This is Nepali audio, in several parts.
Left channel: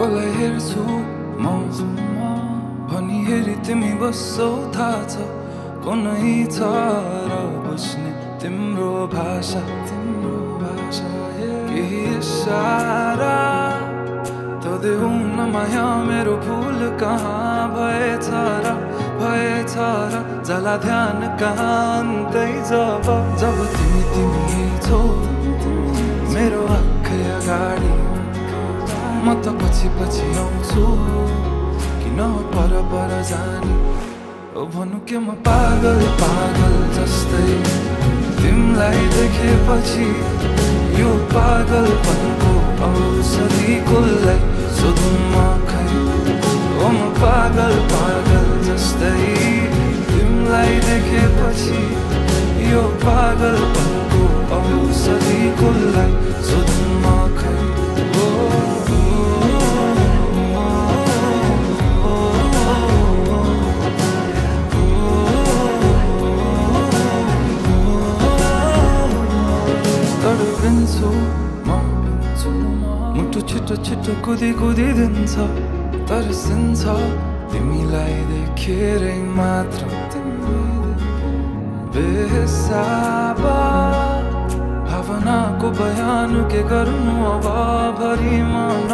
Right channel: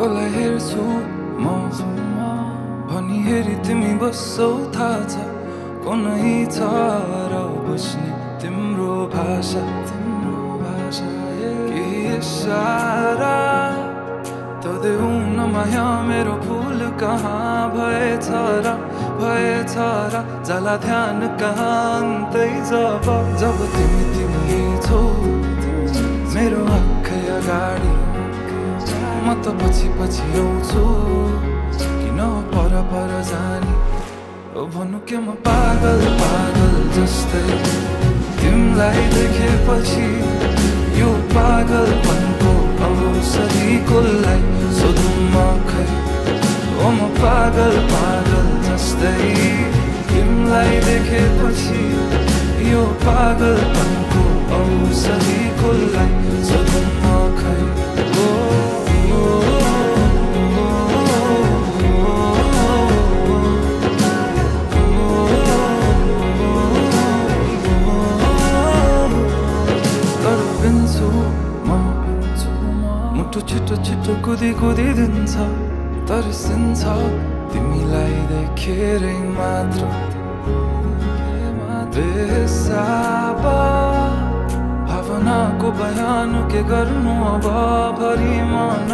कसलाई हेर्छु म भनी हेरी तिमी बस्छौ थाहा छ कुनै छ र बुझ्ने तिम्रो भाषा केही इशारा त देऊ न माया मेरो फुल कहाँ भएछ र जाला ध्यान कहाँ अन्तै जब तिमी छौ मेरो आँखै अगाडि म त पछि आउँछु किन पर जानी ओ भन्नु के म पागल जस्तै तिमीलाई देखेपछि यो पागलपनको औषधि कसलाई सोधौँ म खै ओ म पागल जस्तै तिमीलाई देखेपछि यो पागलपनको औषधि कसलाई सोधौँ म खै तडपिन्छु म मुटु छिटो कुदी दिन्छ तर्सिन्छ तिमीलाई देखेरै मात्र बेहिसाब भावनाको बयान के गर्नु अब भरि मन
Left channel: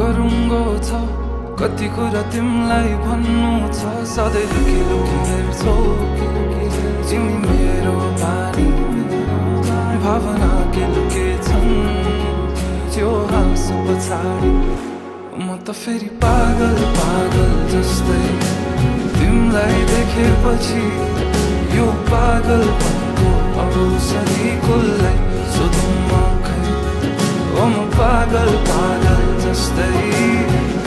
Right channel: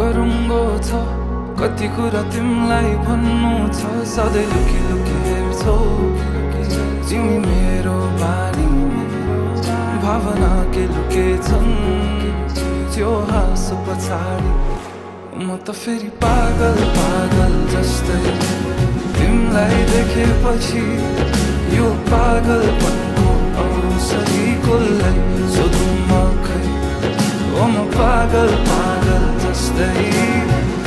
गरुङ्गो छ कति कुरा तिमीलाई भन्नु छ सधैँ लुकी हेर्छौ तिमी मेरो बानी भावना के लुकेछन् त्यो हाँसो पछाडि म त फेरि पागल जस्तै तिमीलाई देखेपछि यो पागलपनको औषधि कसलाई सोधौँ म खै ओ म पागल जस्तै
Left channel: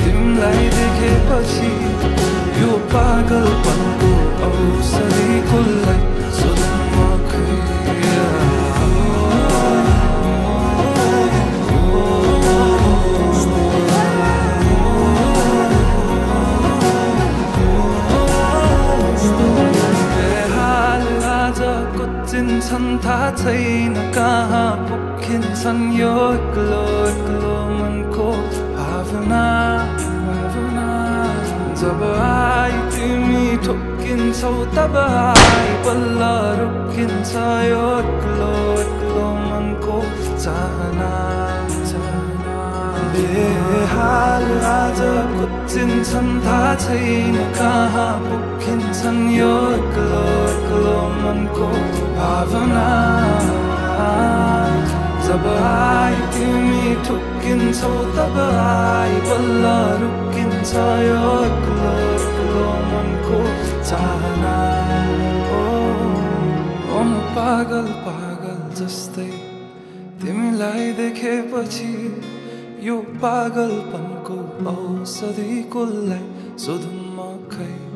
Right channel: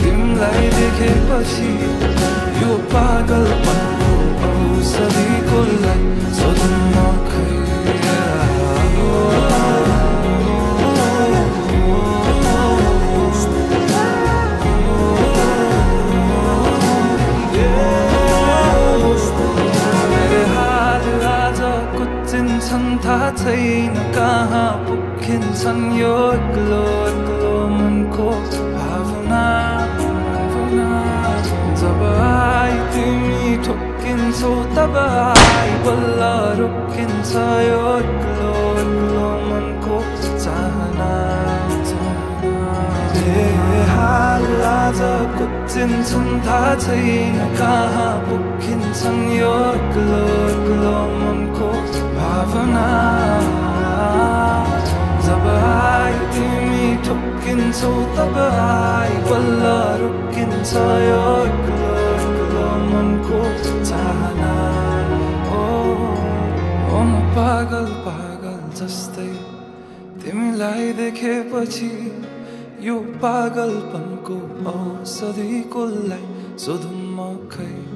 तिमीलाई देखेपछि यो पागलपनको औषधि कसलाई सोधौँ म खै कुचिन्छन् थाहा छैन कहाँ पुगिन्छन् यो एक्लो मनको भावना जब आई तिमी ठोकिन्छौ तब आई बल्ल रोकिन्छ यो एक्लो मनको चाहना बेहाल आज कुचिन्छन् थाहा छैन कहाँ पुगिन्छन् यो एक्लो मनको भावना जब आई तिमी ठोकिन्छौ तब आई बल्ल रोकिन्छ यो एक्लो मनको चाहना ओ म पागल जस्तै तिमीलाई देखेपछि यो पागलपनको औषधि कसलाई सोधौँ म खै